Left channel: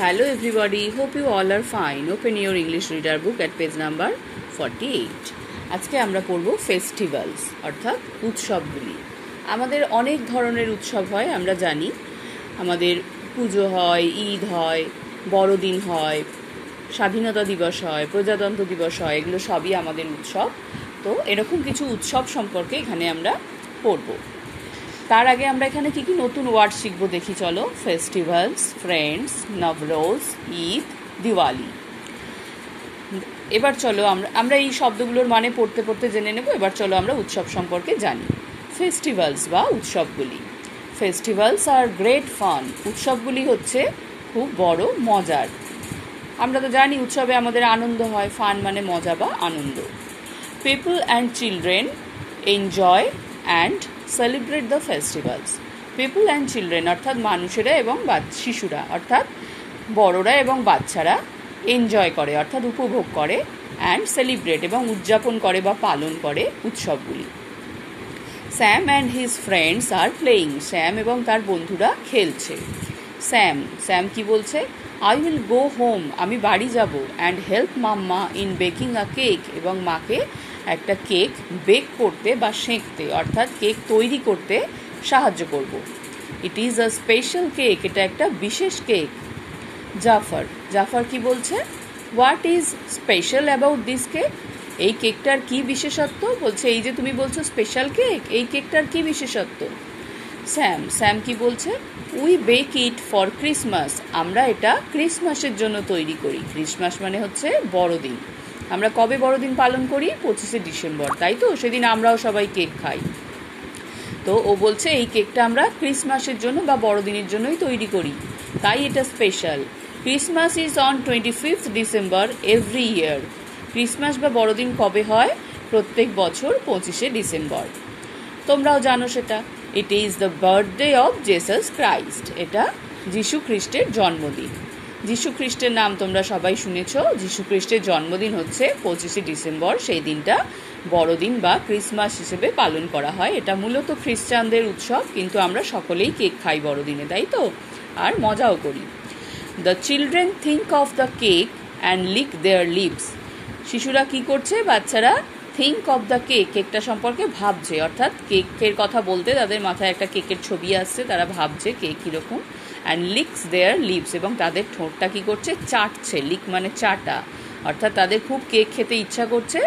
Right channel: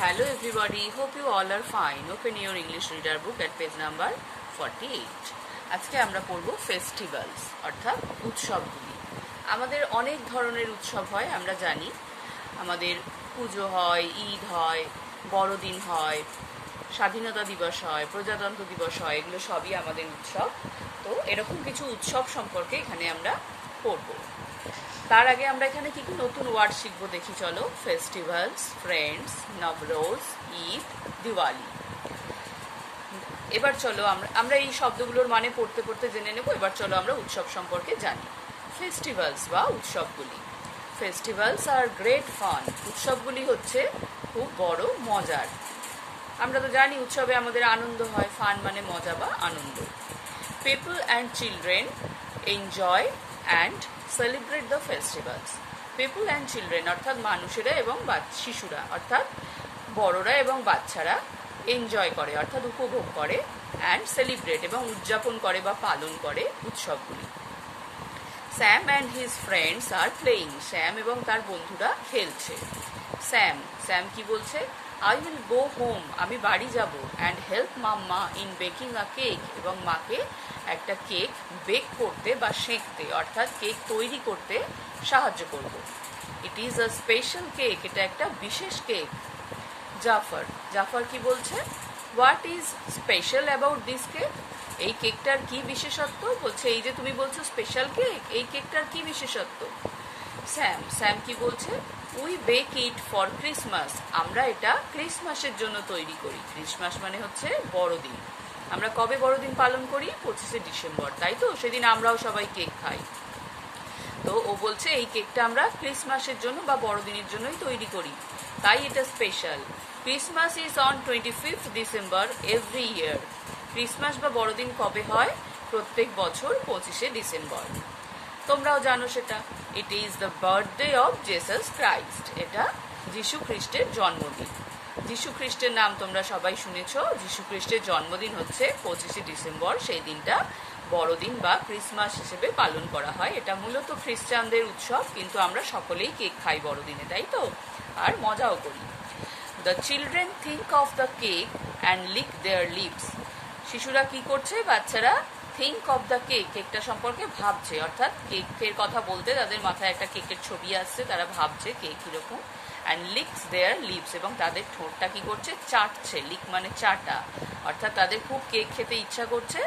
Hello everybody, hope you all are fine. Open your English reader book at page number 48. আজকে আমরা পড়ব festivals অর্থাৎ উৎসবগুলি। আমাদের অনেক ধরনের উৎসব হয়, আমরা জানি। আমাদের পুজো হয়, ঈদ হয়, বড়দিন হয়, স্বাধীনতা দিবস হয়, প্রজাতন্ত্র দিবস হয়, এগুলো সবই আমাদের উৎসব। তো এরকম কিছু উৎসব সম্পর্কে এখানে আমরা পড়ব। তার আগে আমরা এখানে কি কি নতুন ওয়ার্ড শিখবো দেখি চলো। Festivals, friends, Navroz, Eid, Diwali. এবার চলো আমরা এই শব্দগুলোর মানে পড়তে পড়তে জেনে নেব। এবার চলো আমরা উৎসব সম্পর্কে জানি। ফেস্টিভ্যালস বা উৎসবগুলি। Festivals are great fun. উৎসবগুলি হচ্ছে খুব বড় মজার। আমরা তো জানি উৎসবে আমাদের আনন্দ হয়। ফান মানে মজা বা আনন্দ। People and children enjoy and celebrate the festivals. People and children অর্থাৎ মানুষেরা এবং শিশুরা অর্থাৎ বড়রা এবং বাচ্চারা এনজয় করে অর্থাৎ উপভোগ করে, অ্যান্ড সেলিব্রেট এবং উদযাপন করে বা পালন করে উৎসবগুলি। Sam and his friends are playing. Sam এবং তার বন্ধুরা খেলছে। স্যাম কি বলছে? আই উইল গো হোম, আমি বাড়ি যাব, and help mama in baking a cake, এবং মাকে একটা কেক বেক করতে বা সেঁকতে অর্থাৎ কেক তৈরি করতে সাহায্য করব। It is a special cake, এটা একটা বিশেষ কেক। জাফর কি বলছে? What is special about this cake? এই কেকটার কি বিশেষত্ব? বলছে এই যে তুমি বলছো স্পেশাল কেক, এই কেকটার কি বিশেষত্ব? স্যাম কি বলছে? We bake it for Christmas, আমরা এটা ক্রিসমাসের জন্য তৈরি করি। ক্রিসমাস মানে হচ্ছে বড়দিন। আমরা কবে বড়দিন পালন করি? 25শে ডিসেম্বর, তাই তো? সেদিন আমরাও সবাই কেক খাই। তো ও বলছে এই কেকটা আমরা ক্রিসমাসের জন্য বা বড়দিনের জন্যই তৈরি করি, তাই এটা special. Christmas is on 25th December every year. Christmas বা বড়দিন কবে হয়? প্রত্যেক বছর 25শে ডিসেম্বর। তোমরাও জানো সেটা। It is the birthday of Jesus Christ, এটা যিশু খ্রিস্টের জন্মদিন। যিশু খ্রিস্টের নাম তোমরা সবাই শুনেছ। যিশু খ্রিস্টের জন্মদিন হচ্ছে 25শে ডিসেম্বর। সেই দিনটা বড়দিন বা ক্রিসমাস হিসেবে পালন করা হয়। এটা মূলত খ্রিস্টানদের উৎসব, কিন্তু আমরা সকলেই কেক খাই বড়দিনে, তাই তো? আর মজাও করি। The children think of the cake and lick their lips. শিশুরা কি করছে? বাচ্চারা থিঙ্ক অফ দ্য কেক, কেকটা সম্পর্কে ভাবছে, অর্থাৎ কেকের কথা বলতে তাদের মাথায় একটা কেকের ছবি আসছে, তারা ভাবছে কেক কিরকম। অ্যান্ড লিকস দেয়ার লিপস, এবং তাদের ঠোঁটটা কি করছে? চাটছে। লিক মানে চাটা, অর্থাৎ তাদের খুব কেক খেতে ইচ্ছা করছে,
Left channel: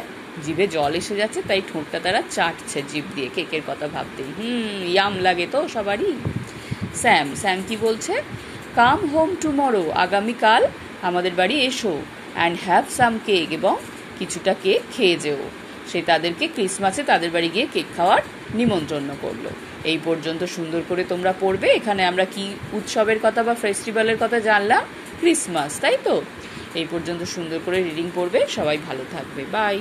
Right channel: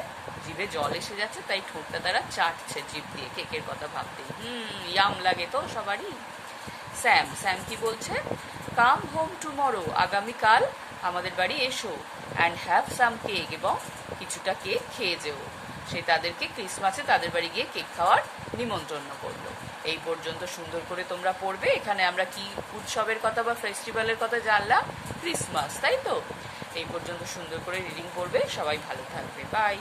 জিভে জল এসে যাচ্ছে, তাই ঠোঁটটা তারা চাটছে জিভ দিয়ে কেকের কথা ভাবতে। ইয়াম লাগে তো সবারই। স্যাম কি বলছে? কাম হোম টুমরো, আগামীকাল আমাদের বাড়ি এসো, অ্যান্ড হ্যাভ সাম কেক, এবং কিছুটা কেক খেয়ে যেও। সে তাদেরকে ক্রিসমাসে তাদের বাড়ি গিয়ে কেক খাওয়ার নিমন্ত্রণ করলো। এই পর্যন্ত সুন্দর করে তোমরা পড়বে। এখানে আমরা কি উৎসবের কথা বা ফেস্টিভ্যালের কথা জানলাম? ক্রিসমাস, তাই তো? এই পর্যন্ত সুন্দর করে রিডিং পড়বে। সবাই ভালো থাকবে। বাই।